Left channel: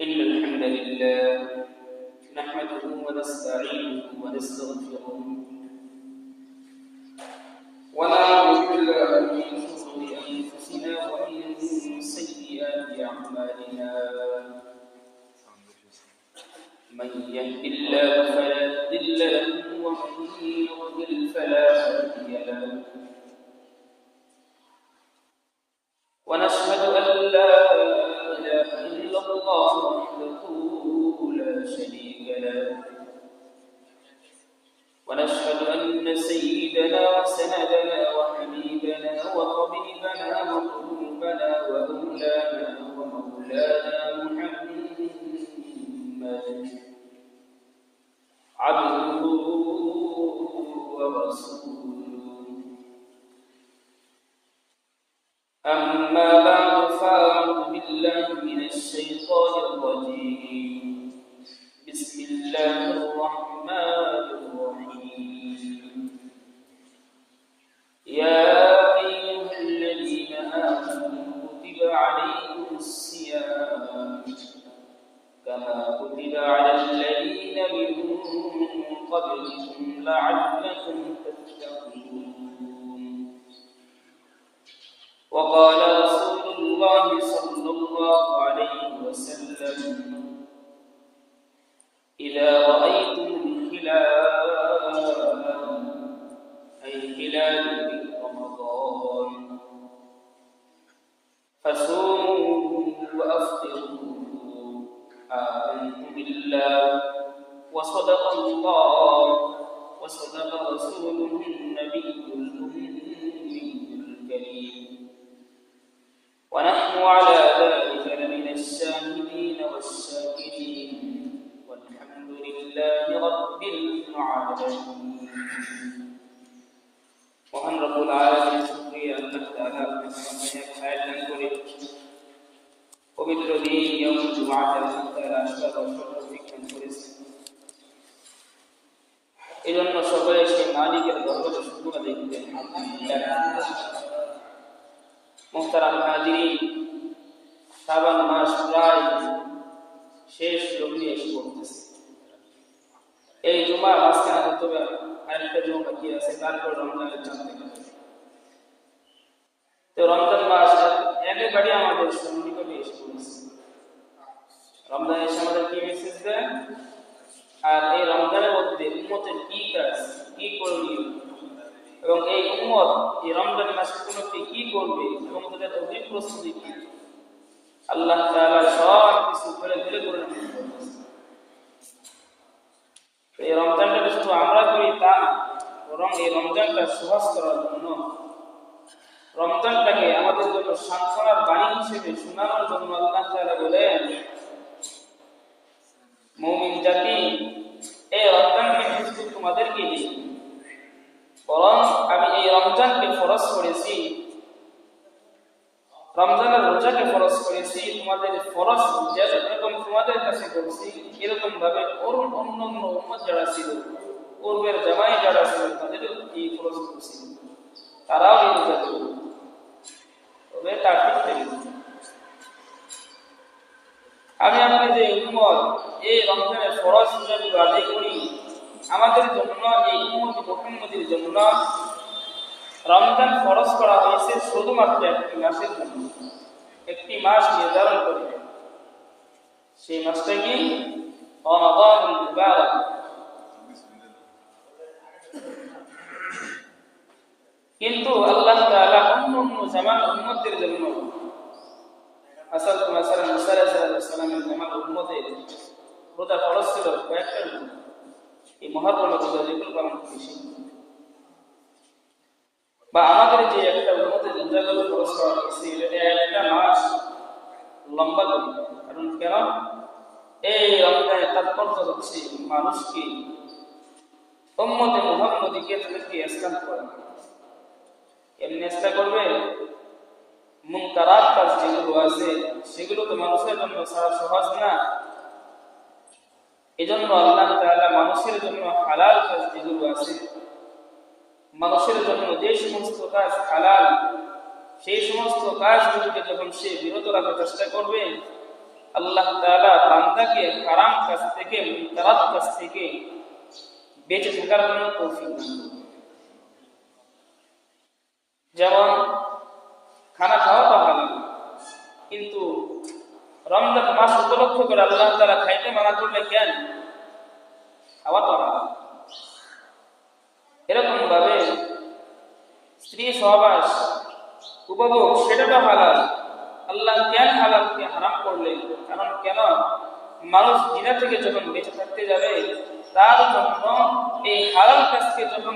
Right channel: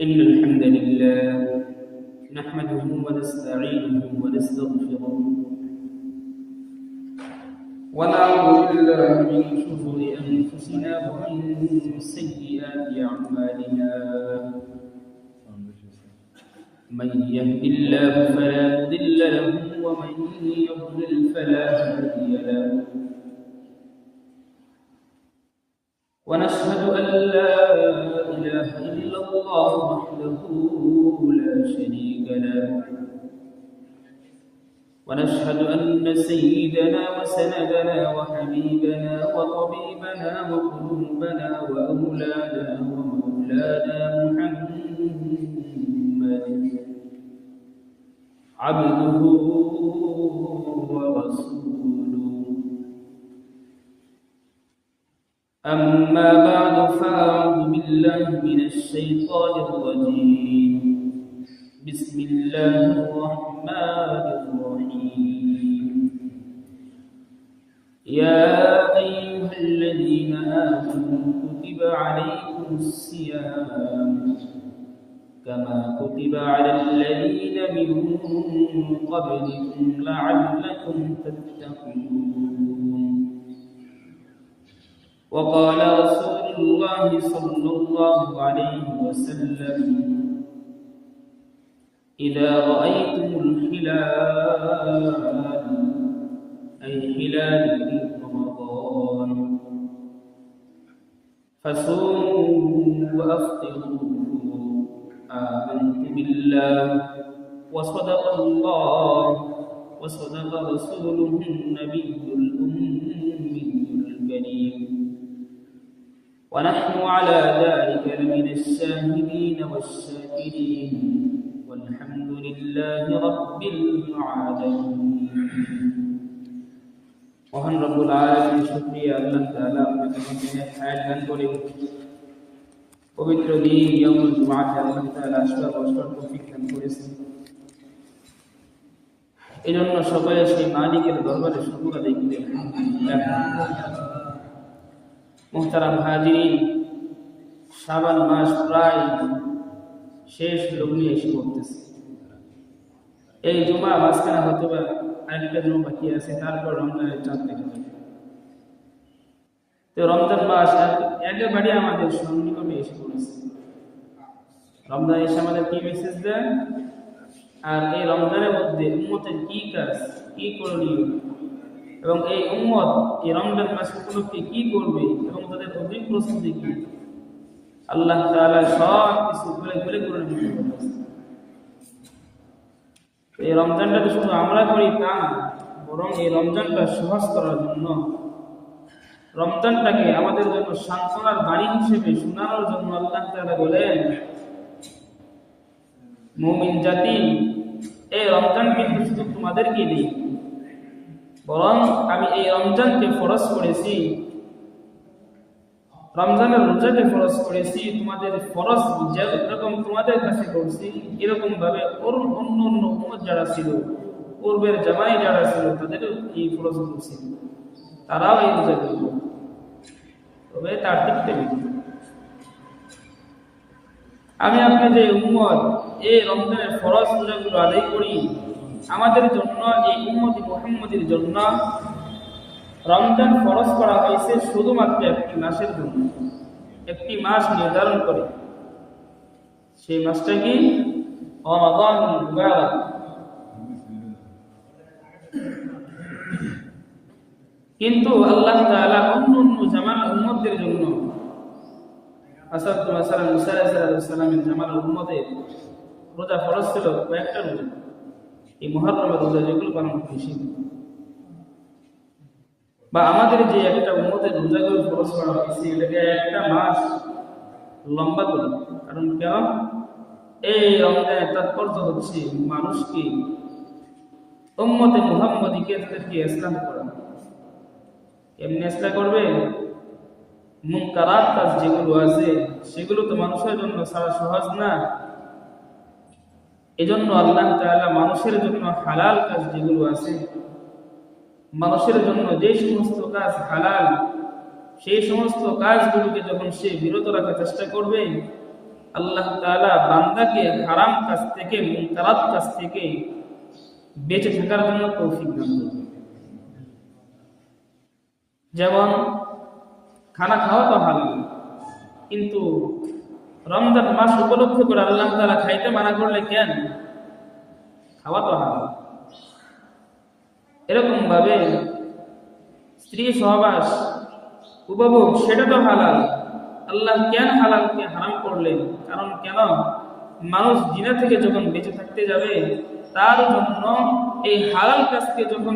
إن الحمد لله نحمده ونستعينه ونستغفره ونعوذ بالله من شرور أنفسنا ومن سيئات أعمالنا من يهد الله فلا مضل له ومن يضلل فلا هادي له ونشهد أن لا إله إلا الله وحده لا شريك له ونشهد أن سيدنا وسندنا وحبيبنا وطبيبنا وقربنا وأولانا ومولانا محمد عبده ورسوله أما بعد فأعوذ بالله من الشيطان الرجيم بسم الله الرحمن الرحيم يا أيها الذين آمنوا كتب عليكم الصيام كما كتب على الذين من قبلكم لعلكم تتقون وقال رسول الله صلى الله عليه وسلم إذا رأيتم الهلال أي هلال رمضان فصوموا وأفطروا آمنت بالله وصدق الله وصدق رسوله النبي الأمي الكريم ونحن على ذلك لمن الشاهدين والشاكرين والحمد لله رب العالمين মহান রব্বুল আলামিনের শুকরিয়া আল্লাহ তাআলা আপনাকে খায়ের দান করে পবিত্র দিন ইয়াউমুল জুমআতে আল্লাহ তাআলা আসবার তৌফিক দান করেছেন। এজন্য সকলে সেই মালিকের দরবারে শুকর আদায় করি আলহামদুলিল্লাহ। মুহতারাম হাজিরিন, শাবান মাস প্রায় শেষ লগ্নে এসে পড়তেছে। এই জুমা মাঝখানে হয়তো আরেকটা জুমা বাকি আছে, তারপর রমজানের চাঁদ দেখা যাবে। তো রমজান মাস একেবারে আমাদের সন্নিকটে এসে পড়েছে। রমজান এসে আমাদের কি মেসেজ দেয়, আর এই রমজানের মধ্যে উম্মতের কি কাজ, কি করণীয়, এবং এই উম্মত এই রমজান মাস উপলক্ষে কি করবে এবং তাদের তৌফিক প্রস্তুতি কি, আল্লাহ তাআলা সব কিছু বলে বলে করে দিয়েছেন। এই রমজানটাকে শুধু আমরা করি তা না, বরং এই রমজানটা সহজ করার জন্য, রমজানটাকে আমাদের জন্য সান্ত্বনার বাণী হিসেবে শোনানোর জন্য আল্লাহ তাআলা বলেন, মুমিন জাতি, এই রমজানকে শুধু তোমাদেরকে দিই, বরং আমি এই রমজানকে ফরজ করেছি, রমজানের রোজাকে ফরজ করেছি, তোমাদের ফরজ যেরকম তোমাদের কাছে করছি এরকম ভাবে অন্য অন্য উম্মত যারা ছিল, পূর্বের জামানায় যারা ছিল, তাদেরও এই ফরজ করছি, তারাও এই রোজা করবে, তবে তার ঠিক তেমনি আমি আপনার যে উম্মত এই রমজানের ফরজ রোজাগুলো আদায় করি, আমাদের জন্য এই উম্মত মুহাম্মদের জন্য রমজান ফরজ করা হয়েছে শুধুমাত্র একটি মাসের জন্য। একটি মাস নির্ধারণ করে, সেই মাসটা কি রমাদান মুবারক। কিন্তু আল্লাহ তাআলা অন্য অন্য জামানার উম্মতের জন্য, আসল মাসালা মুসা আলাইহিস সালামের জামানার উম্মতে রোজা ফরজ ছিল কয়েকটা রোজা, এই মুহররমের রোজা যেগুলো পালন করেছিল, বা আমাদের যে একটা উম্মতের রোজাগুলো ফরজ করা হয়েছে এটাকে একটা মাস লম্বা করি। কারণ কেন? এই রমজানের তাৎপর্য হচ্ছে মানুষকে, উম্মতে মুহাম্মদীকে তাদেরকে ইসলাম করা। এমনি ইসলাম করবে, মুনকারাত কাজ যেগুলো আছে সেগুলো তো মানুষের জন্য সারা সহজ না। এজন্য আল্লাহ তাআলা মানুষের জন্য হালাল কাজ যেগুলো আছে, মানুষের জন্য যে সমস্ত কাজ হালাল, সেই সমস্ত কাজগুলোকে যখন সে বিরত রাখার চেষ্টা করবে, আল্লাহ তাআলা বান্দাকে হারাম কাজ থেকে, মুনকারাত কাজ থেকে বেঁচে থাকার জন্য তৌফিক দান করবেন। যেমন খানা খাওয়া তো হালাল, কিন্তু রমজান মাস উপলক্ষে করে আল্লাহ তাআলা খাইতে মানা করলে কেন? খাওয়া তো হালাল। এরকম ভাবে স্ত্রী সহবাস উপভোগ সেটা তো হালাল, আল্লাহ কেন হালালকে হারাম করলেন? কারণ কেন? মানুষ জিনা থেকে যখন বেঁচে থাকতে যাবে তার জন্য এই হালাল কাজকে যখন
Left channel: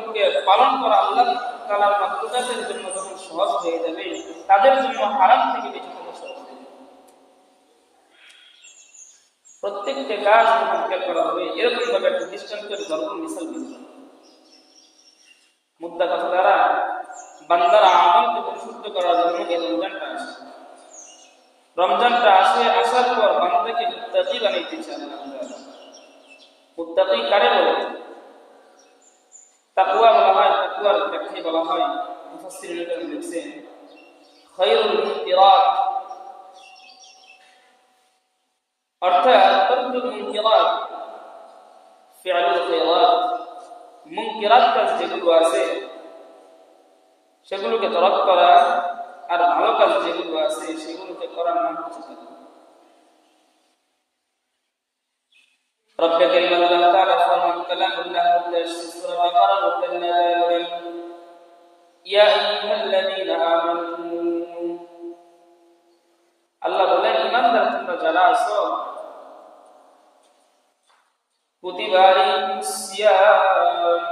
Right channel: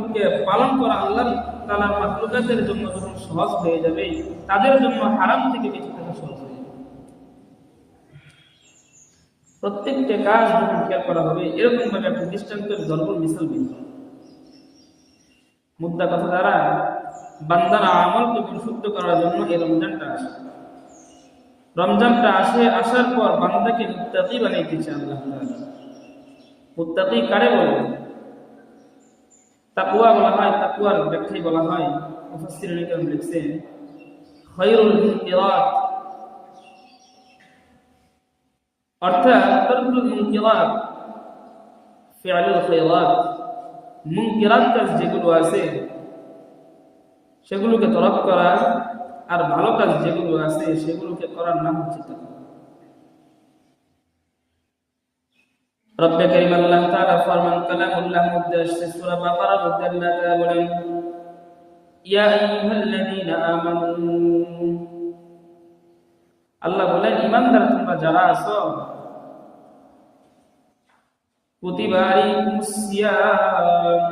পালন করা আল্লাহ তাআলার মাখলুকাতের জন্য যখন সহজ হয়ে যাবে, তাদের জন্য হারাম থেকে বেঁচে থাকা সহজ হয়ে যাবে। প্রত্যেকটা কাজ যখন খেয়াল করা হবে, এরকম ভাবে একটা দৃষ্টান্তের জল্পন মিশাল দিতে মুদ্রা কথা দ্বারা বান্দার আমলকে পরিশুদ্ধ করার জন্য এই রমজানটা আসে। রমজানটা আসার পর বান্দাকে মুত্তাকি বানাইতে চায় আল্লাহ তাআলা। মুত্তাকি কারে বলে? তাকওয়া বলা হয়। তাকওয়ার ব্যাখ্যায় বলা হয়, মুফাসসিরুল কিরাম লিখছেন, খায়রুল মুনকিরাত, অর্থাৎ তারকুল মুনকিরাত ফি'লুল খায়রাত, মুনকিরাত কাজ যেগুলো আছে সেগুলোকে তরক করা, আর ভালো কাজ যেগুলো আছে সেগুলোকে করার নাম হচ্ছে তাকওয়া। রব্বে কারীম আল্লাহ তাআলা ফরমান, কালামুল্লাহ মধ্যে আসছে সূরা বাকারার মধ্যে আল্লাহ তাআলা বলেন, ইয়া আইয়ুহাল্লাযীনা আমানু, আল্লাহ বলেন ঈমানদার তোমরা যারা আছো, কুতিবা আলাইকুমুস সিয়াম,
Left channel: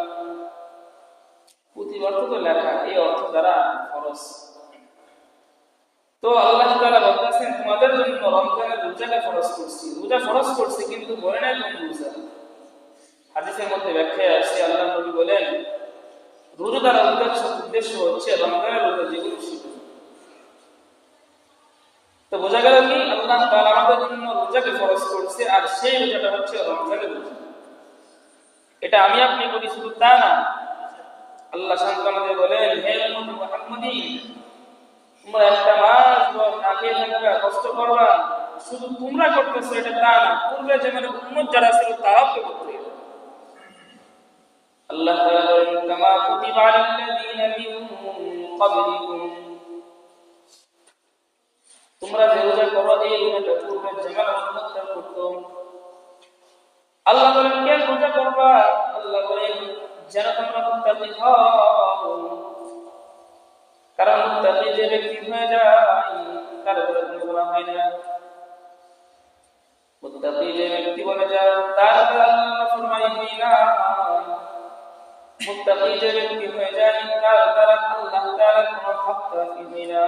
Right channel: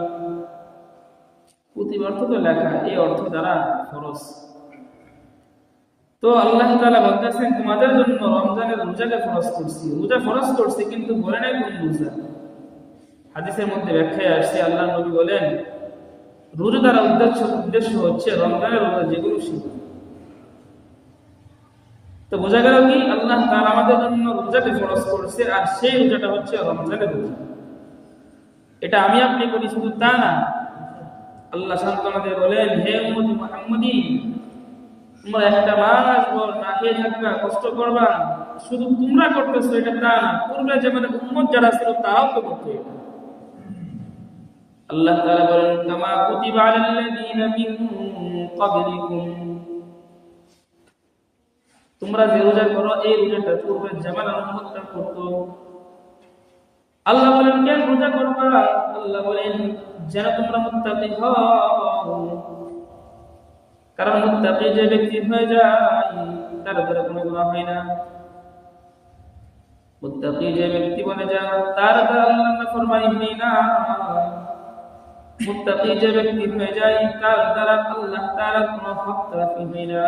কুতিবা অর্থ তো লেখা, এই অর্থ দ্বারা ফরজ। তো আল্লাহ তাআলা বলতেছেন তোমাদের জন্য রমজানের রোজাকে ফরজ করছি। রোজা ফরজ করছি, কিন্তু বলে নাই কোন রোজা। হাদিসের মধ্যে ব্যাখ্যায় আসছে, আল্লাহ নবী বলেন রোজা দ্বারা উদ্দেশ্য হচ্ছে রমজানের রোজা যেগুলো সেগুলো। তো বোঝা গেল কি আল্লাহ তাআলা আমাদের জন্য রোজাকে ফরজ করছে, আর সেই রোজাটা হচ্ছে রমজানের রোজা। এটা আমি আপনি করি শুধু তা না, আল্লাহ সান্তনা দিয়ে বলেন, হে উম্মতি মুহাম্মাদী, তোমরা একটা মাস ভর না খেয়ে থাকবা, কষ্ট করবা, শুধু তোমরা করতেছো এটা তা না, পূর্বে যে মানে উম্মত যারা ছিল তারাও তো করতে। আল্লাহ তাআলা বলেন, কামা কুতিবা আলাল্লাযীনা মিন ক্বাবলিকুম, তোমরা যে রোজা করো এই রোজাটা পূর্বে যেমন উম্মতরা করতো। আল্লাহ বলেন কেন রোজা করবা? আল্লাহ বলেন যেন তোমরা মুত্তাকি হও, কারণ মুত্তাকি যে ব্যক্তি হয়ে যায় তার উপরে কোনো গুনাহ হয় না। মুত্তাকি যে ব্যক্তি বনে যায় তার দ্বারা আল্লাহর নাফরমানি হয় না। মুত্তাকি যে ব্যক্তি হয়ে যায় তার দ্বারা আল্লাহ তাআলা কোনো হক তাকে হয় না।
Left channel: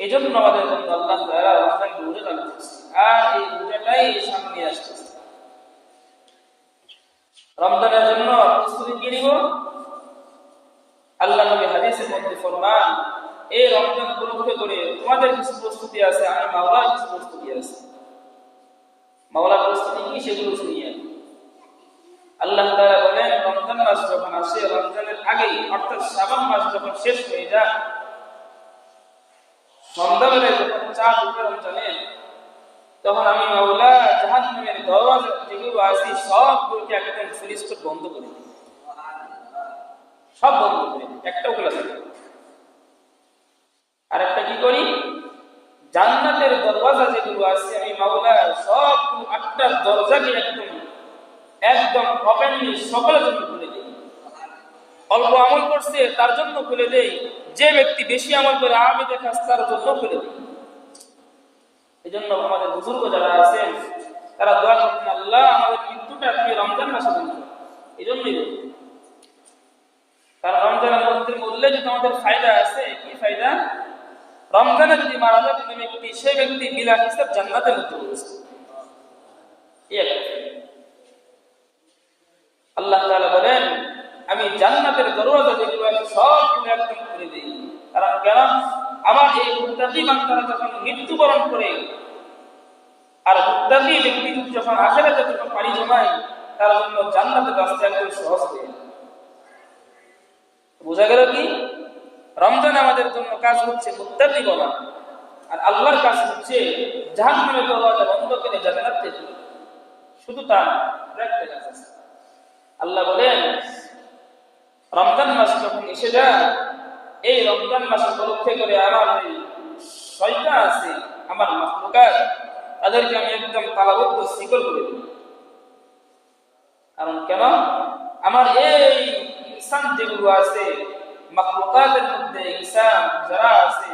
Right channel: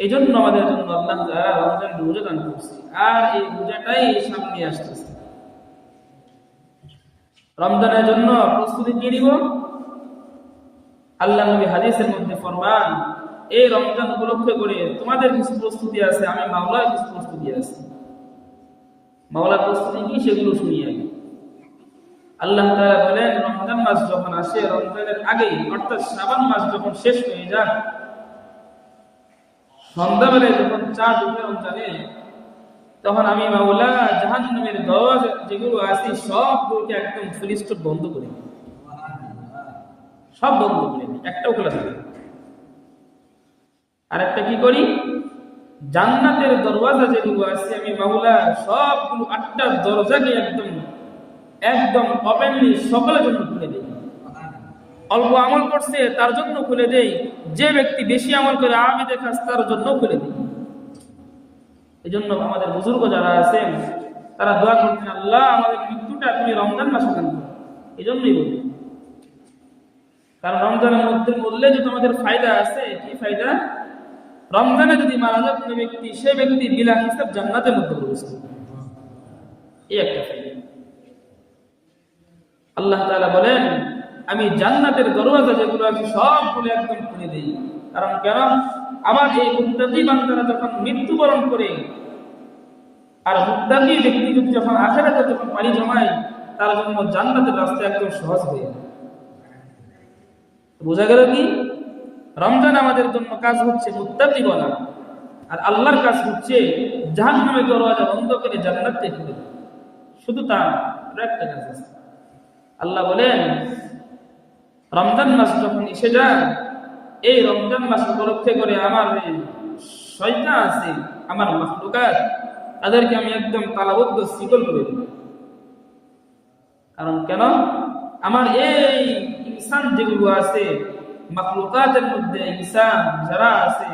এজন্য আমাদের জন্য আল্লাহ তাআলা রমজান রোজা দান করেছে, আর এই রোজাটাই সামনে আসছে। রমজানের জন্য প্রস্তুতি কি নিব? আল্লাহ নবী হাদিসের মধ্যে ফরমান, এই রমজান উপলক্ষে করে তোমাদের কিছু প্রস্তুতি আছে, আমি মাওলার কিছু প্রস্তুতি আছে। মাওলার প্রস্তুতি কি সেগুলো শুনিয়ে আল্লাহ তাআলা বলেন, রমজান মাস যখন আসে, রমজানের আগেই অর্থাৎ শাবান মাস যখন শেষ হয়ে যায়, সন্ধ্যাবেলায় যখন চাঁদ উঠে রমজানের, তখন আমি মাওলা জাহান্নামের দরজা যেগুলো আছে সবগুলোকে একদম সুলিস্ট বন্ধ করে দিই, সব বন্ধ করে দিই, একটাও খোলা থাকে। আর একটা কি করি, জান্নাতের দরওয়াজা যেগুলো আছে আমি মাওলা সবগুলো 8টা দরজাকে একদম ওপেনলি সকলের জন্য খুলে দিই। অল্প আমল করছে তার জন্য খুলে দেই, যে ব্যক্তি বেশি আমল করে আবেদে খাস তার জন্য খুলে দিই। এই জন্য আমাদের বুজুর্গ যারা আছেন তারা দোয়া করতেন, আল্লাহ আমাদের মৃত্যুটা তুমি রমজান মাসে দাও। এই জন্যই বলি, কারণ রমজানের মধ্যে বললে যে তোমাদের ফায়দা আছে। কি ফায়দা? রমজানে যদি মারা যায় কোনো ব্যক্তি, সেই ব্যক্তি বিলা হিসাব জান্নাতের মধ্যে বলছে। এই একটা ফায়দা। আল্লাহ তাআলা বলেন, আমি জান্নাতের দরওয়াজা যেগুলো আছে সবগুলো একদম খুলে দিই। কারণ কেন? আমার এই মুত্তাকি বান্দারা যখন মৃত্যুবরণ করে, আর মুত্তাকি ব্যক্তি যদি যখন আখিরাতে যখন পানি জমায়, তার জন্য জান্নাতের রাস্তা একদম সহজ হয়ে যায়। বোঝা গেল কি? রমজান আমাদের জন্য কাজ হচ্ছে মুত্তাকি করা, আর আল্লাহর কাজ হচ্ছে জাহান্নামের দরজা বন্ধ করে জান্নাতে খুলে দেওয়া। শুধু তা একটা কাজ আছে। আল্লাহ বলেন রমজান মাস যখন এসে যায়, এই রমজান মাস উপলক্ষে করে আমার এই শয়তান আছে, আমার মাখলুকাত, তাদেরকে আমি একদম তালাবদ্ধ শিকল করে দিই। কারণ কেন? আমার এই ইনসান যেগুলো আছে, মাখলুকাতের মধ্যে ইনসান যারা আছে,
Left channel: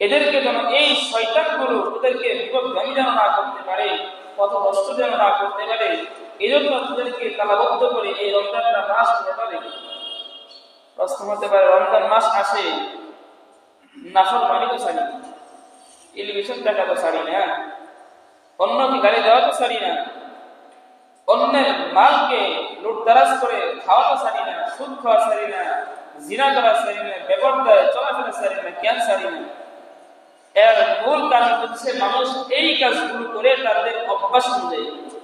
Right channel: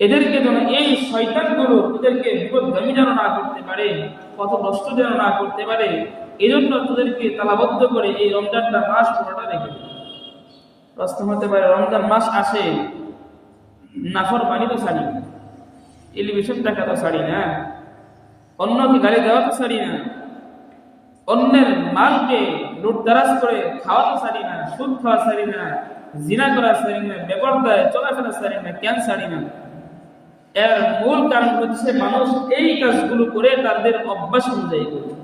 এদেরকে যেন এই শয়তানগুলো এদেরকে বিপদগামী যেন না করতে পারে, পথভ্রষ্ট যেন না করতে পারে, এই জন্য তাদেরকে তালাবদ্ধ করে এই রমজানটা মাস পুরোটা রেখে। প্রশ্ন হতে পারে, রমজান মাস আসে, নাফরমানি তো ছাড়ি না, টেলিভিশন দেখা তো ছাড়ি না, অন্যকে গালি দেওয়া তো ছাড়ি না, অন্যের মালকে লুটতারাজ করে খাওয়া তো ছাড়ি না, সুদ খাওয়া ছাড়ি না, জিনা করা ছাড়ি না, বেপরদায় চলাফেরা ছাড়ি না, কেন ছাড়ি না? এর মূল কারণ হচ্ছে মানুষ এই কাজগুলো করে তাদের অভ্যাস অনুযায়ী করছে।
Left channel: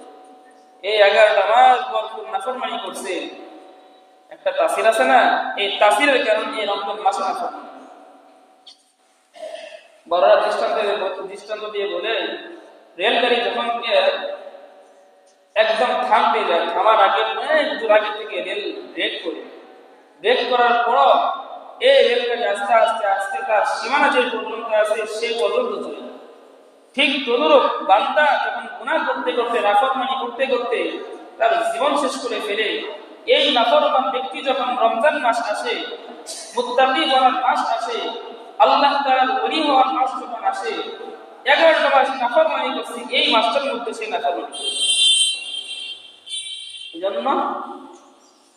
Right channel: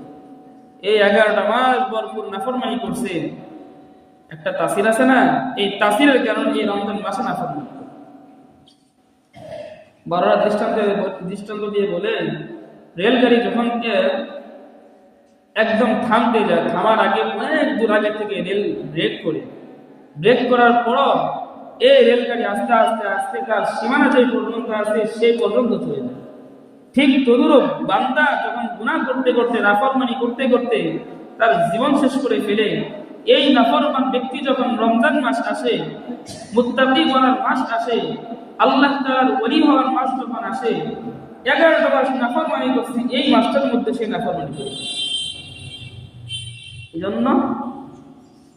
এই 11টা মাস ভরপুর নাফরমানি করছে, একটা তাসির আছে না? এই তাসিরের কারণে এই রমজান মাসে নাফরমানি। বড়রা দৃষ্টান্ত দিয়ে বলে, রেলগাড়ি যখন একদম থামতে যায়, থামার আগে অনেক দূর আগে থেকে রেল ব্রেক করার পরও এই রেলগাড়ি আস্তে আস্তে আস্তে তার সীমানা যে পর্যন্ত আছে সেই পর্যন্ত চলে যায়। ঠিক তদুরূপ বান্দা যখন গুনাহ করতে করতে, নাফরমানি করতে করতে তার জীবন শেষ করে ফেলে, এই নাফরমান ব্যক্তি যখন রমজান মাস আসে, মুত্তাকি হওয়ার মাস আসে, আল্লাহ তাআলার ওলি হওয়ার মাস যখন আসে, 11টা মাস নাফরমানি করছে, এই মাসটার মধ্যে সে নাফরমানি করে। এজন্য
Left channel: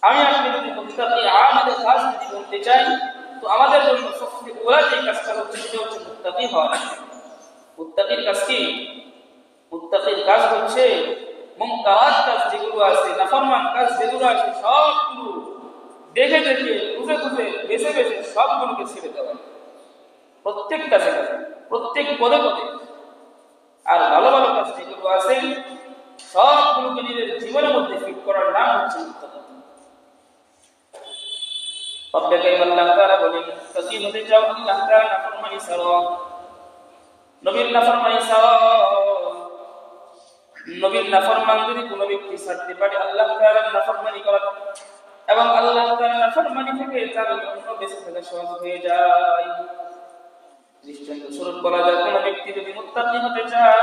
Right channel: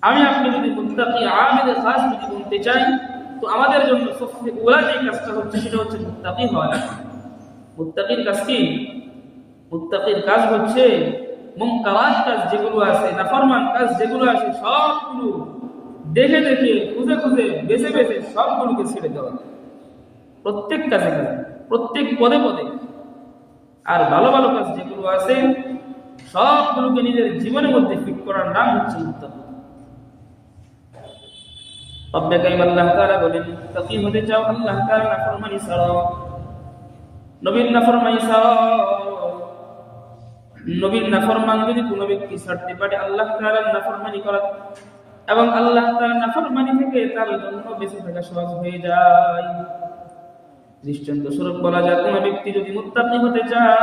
আমি আপনি যদি মুত্তাকি আমেল খাস যদি বলতে চাই, তো আমাদের জন্য সবচেয়ে ওলা যে কাজটা হচ্ছে সেটা হচ্ছে মুত্তাকি হওয়া। মুত্তাকির কাজ কি? মুত্তাকির কাজ হচ্ছে মুনকারাত কাজ যেগুলো আছে, নাফরমান কাজ যেগুলো আছে, সবগুলো দেখে দেখে খুঁজে খুঁজে বেছে বেছে সবগুলোকে ছেড়ে দেওয়া, প্রত্যেক কাজে কাজে, প্রত্যেক পদে পদে। আর ভালো ভালো কাজ যেগুলো আছে সবগুলোকে নিজের জীবনের মধ্যে ফিট করার নাম হচ্ছে মুত্তাকি। রব্বে কারীম আল্লাহ তাআলা বলেন, মুত্তাকি হতে চাও, আল্লাহ তাআলা নাফরমানি ছাড়াও, নবীর নাফরমানি ছাড়াও। নবীর নাফরমান যদি কোনো ব্যক্তি ছাড়তে পারে আল্লাহ তাআলার নাফরমানি করা, এবং আল্লাহ তাআলার নাফরমানি থেকে তার জন্য বেঁচে থাকা সহজ হয়ে যায়। দৃষ্টান্ত স্বরূপ বলা যায়, কোনো ব্যক্তি যদি মুত্তাকি হতে চায়,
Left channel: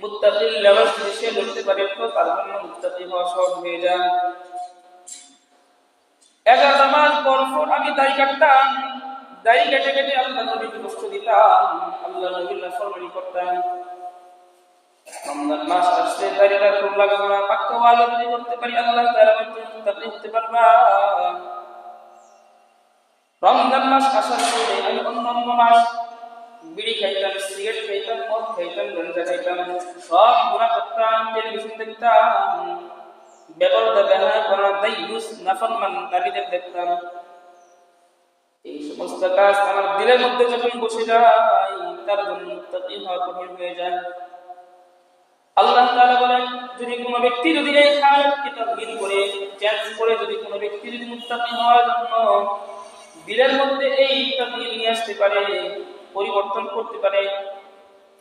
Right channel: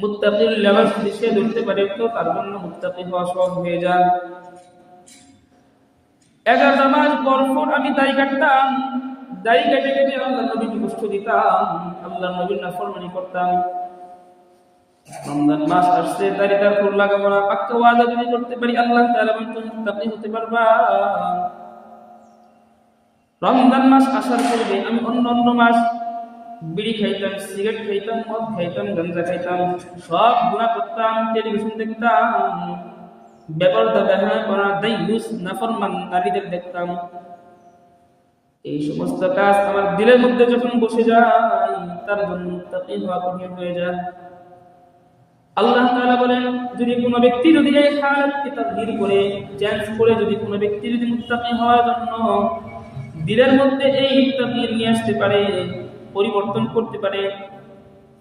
মুত্তাকির লেবাস যদি সে ধরতে পারে, তো তার জন্য মুত্তাকি হওয়া সহজ হয়ে যায়। 11 মাস পরপর আমি দাড়ি কাটতাম, দাড়ি কেটে কেটে আল্লাহ নবীকে কষ্ট দিতাম, আল্লাহ নবীর নাফরমানি করতাম। রমজান মাস আসছে, দাড়িটা খুব লাগাবো না, পাক্কা ওয়াদা যদি করতে পারি আল্লাহ তাআলা বলেন তুমি মুত্তাকি হতে পারবা। রমজান মাস আসার পরে আমি অন্য মাস বিড়ি খাইতাম, সিগারেট খাইতাম, মদ খাইতাম, গাঁজা খাইতাম, সব গুনাহ করতাম, টেলিভিশন দেখতাম, বেপরদা বেহায়া করা দাইয়ুস নাফরমান নারীদের দেখতাম। এই সমস্ত কাজ আমার দিলের মধ্যে যখন বসে যায়, তার জন্য মুত্তাকি হওয়া কঠিন হয়ে যায়। আল্লাহ তাআলা বলেন, যদি কোনো ব্যক্তি যদি এই হালতকে তাগয়ীর করে, চেঞ্জ করে, যদি কোনো ব্যক্তি যদি মুত্তাকি হওয়ার জন্য দিলের মধ্যে এই তাগয়ীর নিয়ে আসতে পারে, পরিবর্তন করতে পারে,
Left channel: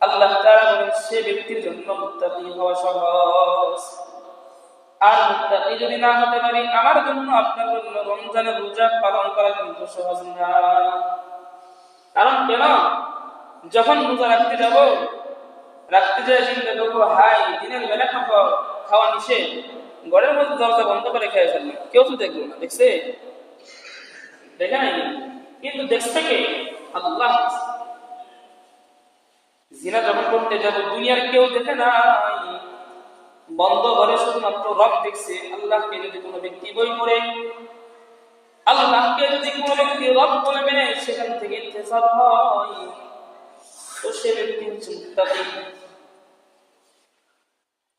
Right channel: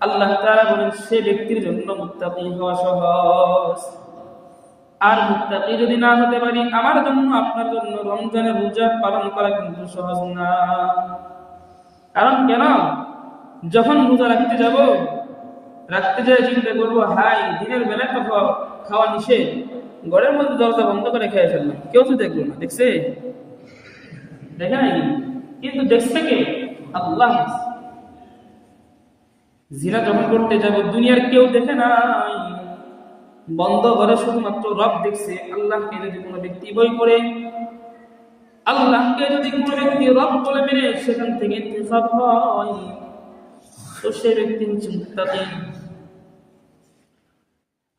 আল্লাহ তাআলা বলেন সে ব্যক্তির জন্য মুত্তাকি হওয়া সহজ। আর মুত্তাকি যদি না হতে পারি, আমার জন্য আপনার জন্য রমজানের রোজা পালন করা কিন্তু সহজ না। কারণ কেন? যখন রোজা রাখতে যাব, রাখতে যায় চিন্তা করবো, হাই দিনের বেলা তো খাওয়া নিষেধ, ঘরের মধ্যে দরজা বন্ধ করে খেয়ে ফেললাম, কেউ তো দেখলো না, দেখছে? দেখে নাই, কিন্তু দেখছে কে? আল্লাহ। জিনা যখন করতে যাবে, দুনিয়ার কেউ দেখে নাই, বন্ধ ঘরে শুধুমাত্র রব দেখছে। আল্লাহকে যদি কোনো ব্যক্তি বই করে, আল্লাহকে যদি কোনো ব্যক্তি রব বলে মেনে সেখান থেকে ইত্তেসাব হয়, তো সে ব্যক্তি হচ্ছে মুত্তাকি।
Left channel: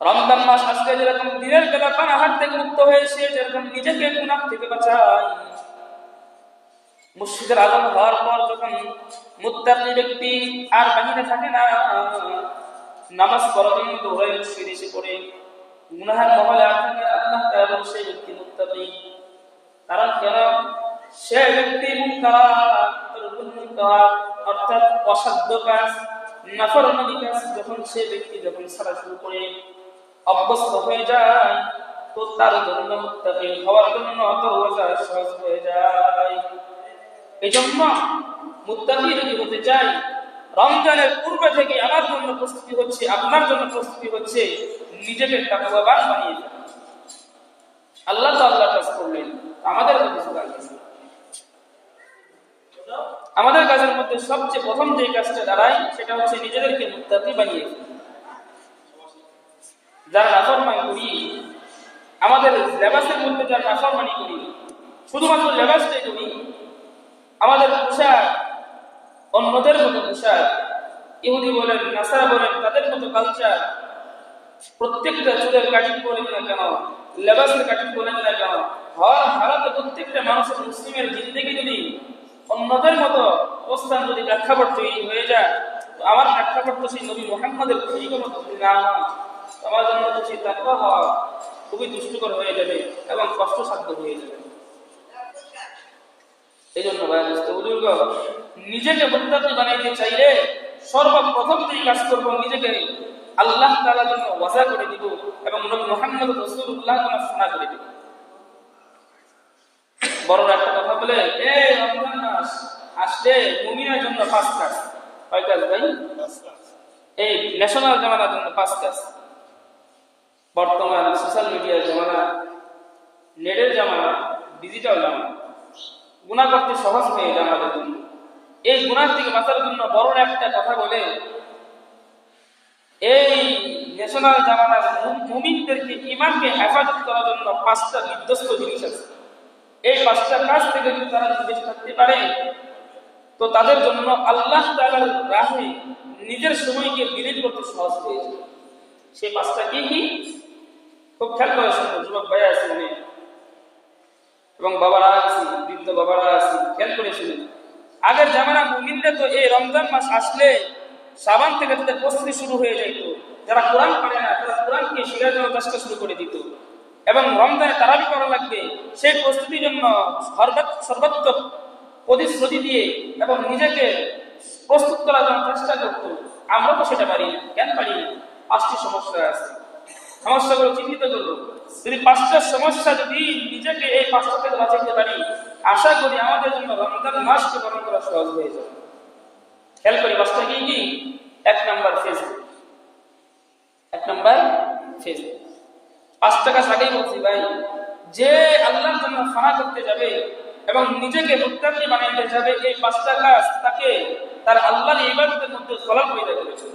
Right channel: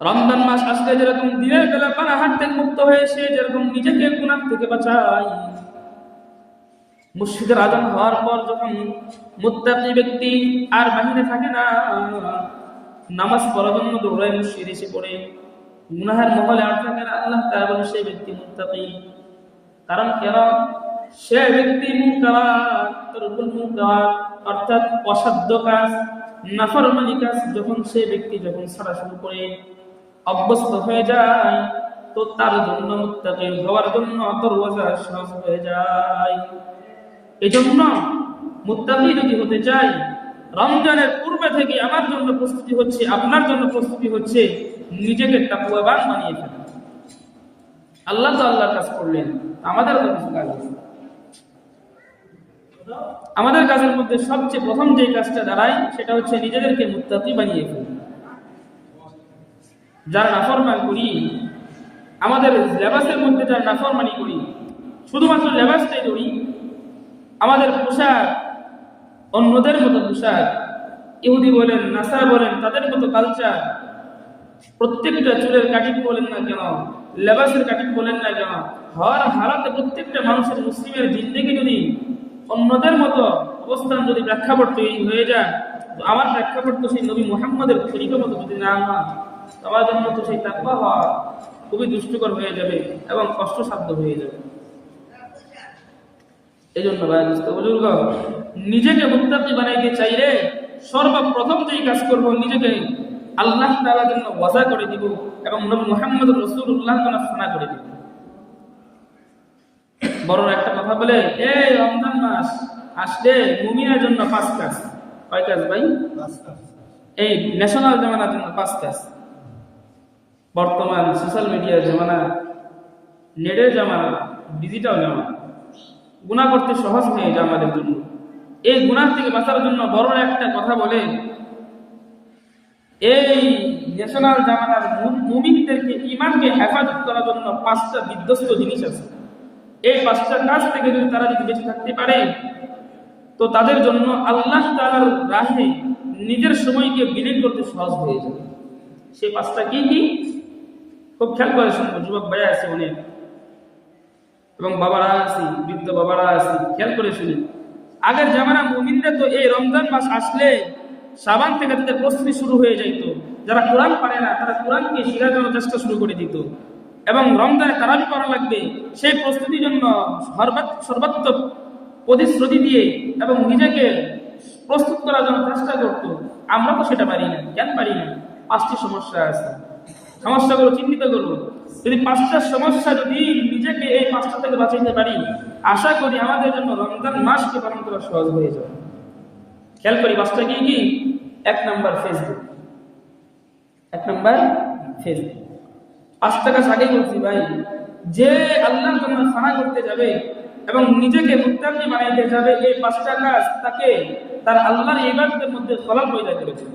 রমজান মাস আসলে যেরকম দিনের বেলা পানাহার থেকে মুক্ত হয়ে সে যেরকম নিজেকে গুনাহ থেকে বাঁচায়, মসজিদের আযান হওয়ার পর যখন মুত্তাকি ব্যক্তি আর বাহিরে থাকে না, নামাজ পড়ার জন্য দৌড়ায় মসজিদে এসে পড়ে, গুনাহের মহলে আর থাকে না, আল্লাহ তাআলা সে ব্যক্তি মুত্তাকি। কারণ কেন? সে ব্যক্তি মুনকারাত, তারকুল মুনকারাত, অর্থাৎ অসাধ্য কাজ, নাফরমানি কাজ যখন সে ব্যক্তি ছাড়া শুরু করে অভ্যস্ত হয়ে যায়, তো তার জন্য মুত্তাকি হওয়ার জন্য দরওয়াজা সহজ হয়ে যায়। এজন্য মুত্তাকি যদি হতে চাই, রমজানের পূর্বে থেকে আমার জন্য প্রস্তুতি হচ্ছে, আপনার জন্য প্রস্তুতি হচ্ছে নিজেকে তাকওয়াবান বানিয়ে ফেলা। আল্লাহ তো আল্লাহ কাজ করলেন, আমাদের কিছু কাজ আছে। আমাদের কাজের মধ্যে সবচেয়ে প্রথম যে কাজটা দাঁড়ায় সেটা হচ্ছে নিজেদেরকে মুত্তাকি বানিয়ে ফেলা। যার নাফরমানি করি, আমাদের লেবাসের মধ্যে যার নাফরমানি করি, শুধুমাত্র লেবাসটাই করি, আমাদের পোশাক অন্যদের মতো পোশাক, ইহুদি বলেন নাসারা বলেন তাদের মতো কালচার, প্রত্যেকটা চুলের কাটিং বলেন না কেন, লেবাসের কাটিং বলেন না কেন, হর হারাতে প্রত্যেকটা মানুষের মুসলিমের জিন্দেগি যদি অন্যদের মতো অবস্থান যদি প্রেক্ষাপট তৈরি হয়ে যায়, তো আমার প্রেক্ষাপট তো সেই নবী মুহাম্মদের তরিকা মতো যদি না হয়, আমার জন্য তো সেই তাকওয়া হওয়া খুবই দুষ্কর হয়ে যাবে এবং কষ্টসাধ্য হয়ে যাবে। এই জন্য নিজেকে মুত্তাকি বানাইতে চাইলে সর্বপ্রথম যে কাজ করবো, নিজেকে আল্লাহ তাআলার জন্য ওয়াজা করে দিব এবং নবী মুহাম্মদ রাসূলুল্লাহ সানা করে দিব। বড় একটা কথা বলে, এই রমজান মাস আসলে মুমিনের জন্য 5 কাজ। কয় কাজ ভাই? 5 কাজ। এই ন্যাশনাল জামানার জন্য 5 কাজ। বর্তমান সোশ্যাল মিডিয়ার জামানা, নেটের জামানা, ডিজিটাল জামানা, গুনাহ করতে সহজ হয়ে যায় আমাদের জন্য। এই গুনাহ থেকে বাঁচার জন্য বড় একটা কথা বলে, এই ন্যাশনাল জামানার মুমিনদেরকে ঈমানকে হেফাজত করার জন্য 5টা বিধ্বস্ত জিনিস আছে। এই 5টা কাজ থেকে যদি তারা বেঁচে থাকতে পারে, তো তাদের জন্য আল্লাহ তাআলার রাহে নিজের সময়কে বিলীন করতে সহজ হয়ে যাবে। সেই 5টা কি কি? খুব খেয়াল করে শুনুন, যুবক ভাইয়া আছে অনেক এবং বাবারা আছে, বৃদ্ধ বাবারা আছে, খেয়াল করে শুনুন। আগের জামানা মুমিনরা তো এই রমজান মাস আসলে শাবান থেকে তাদের প্রস্তুতি শুরু হয়ে যাইত। যারা কোরআন পারে না তারা কোরআনকে শেখার জন্য চেষ্টা শুরু করে দিত এবং রমজানে তারাবি পড়া লাগবে সেই প্রস্তুতির জন্য সর্বাত্মক প্রতিশ্রুতি দিয়ে এবং নিজেকে প্রস্তুত করার জন্য চেষ্টা করতো। আমরা তো সেটা পারি না। কেন পারি না? 5টি সমস্যা আছে। সমস্যাগুলো চিহ্নিত করবো। যদি 5টা সমস্যা যদি নিজেকে এই 5টা থেকে বাঁচাতে পারি, আশা করি আমাদের জন্য রমজান মাসকে পালন করা সহজ হয়ে যাবে। খেয়াল করি 5টা কি কি? 1 নাম্বার ফেসবুক। 1 number Facebook. 5 টাকা আগেই বলছি ভাই, যে আল্লাহর জন্য ফানা করতে যাবে এবং নিজেকে মুত্তাকি বানাইতে যাবে, এই 5টা কাজ তাকে তার আল্লাহর ইবাদতের মধ্যে খলাল পয়দা করেছে।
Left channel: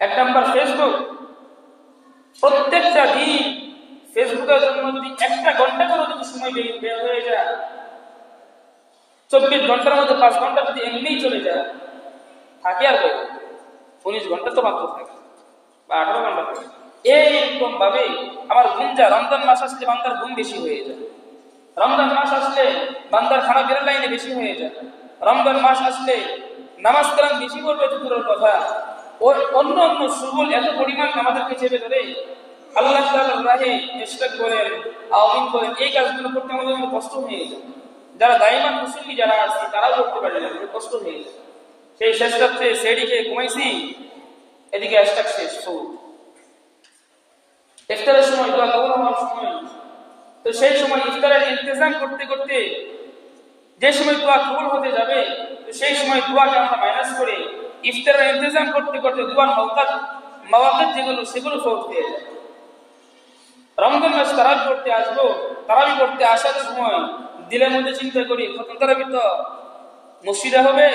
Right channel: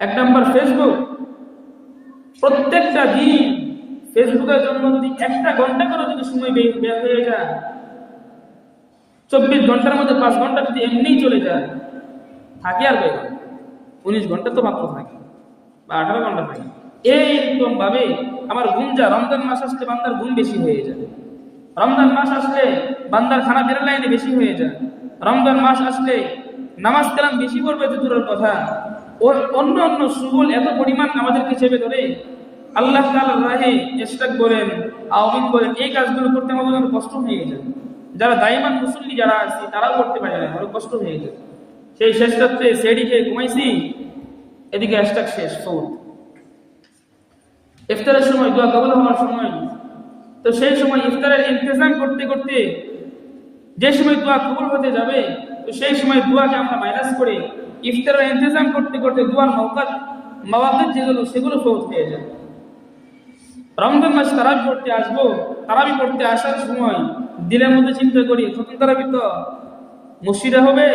1 নাম্বার ফেসবুক। প্রত্যেকটা দিন ফেসবুকের জন্য যদি 1টা ঘন্টা করে যদি সময় বের হয়ে যায়, 24 ঘন্টার মধ্যে 5 ঘন্টা যদি এমনিই চলে যায়, থাকে আর 19 ঘন্টা তো মাত্র থাকে বা 18 ঘন্টা থাকে। এইরকম ভাবে আমার ঘুম যা, রমজান মাস আসলে বান্দার ঘুম বেশি হয়ে যায়। রমজান মাস আসলে বান্দার খানা বের লাইনে বেশি হয়ে যায়। রমজান মাস আসলে নামাজ কালাম বেশি পড়বে তো দূরের কথা, ওর অন্য অন্য সুবুল এত পরিমাণ আমাদেরকে চেপে ধরে। আল্লাহ তাআলার রাহে ইশরাক করেন, আওয়ামিন করেন, এই কাজগুলো করতে আমাদের অনেক কষ্ট হয়ে যায়। যারা দায়মান মুসল্লি যারা আছে তারাও করতে পারে না, অনেক কষ্ট হয়ে যায়। সেই শেষ রাত্রে সেডিকে ঘুমাইছি, এদিকে ইশরাক শেষ, সৌদ ইফতারের সময়, দোয়া কবুল হওয়ার সময়, তো সেই সময় ইফতারের ইন্তজাম করতে করতে যে সময় দোয়া কবুল হতে যাবে, তো সেই সময় দোয়াকে আমরা মাইনাস করে ইফতারের ইন্তজাম করতে করতে দোয়ার মাওয়াকিত যেগুলো সেগুলো ফৌত হয়ে যায়। রমজান মাস তারাবি পড়তে আসবো, তারাবি পড়তে আসার সময় দিনের মধ্যে চিন্তা করি খতম তারাবি তো মসজিদে হবে,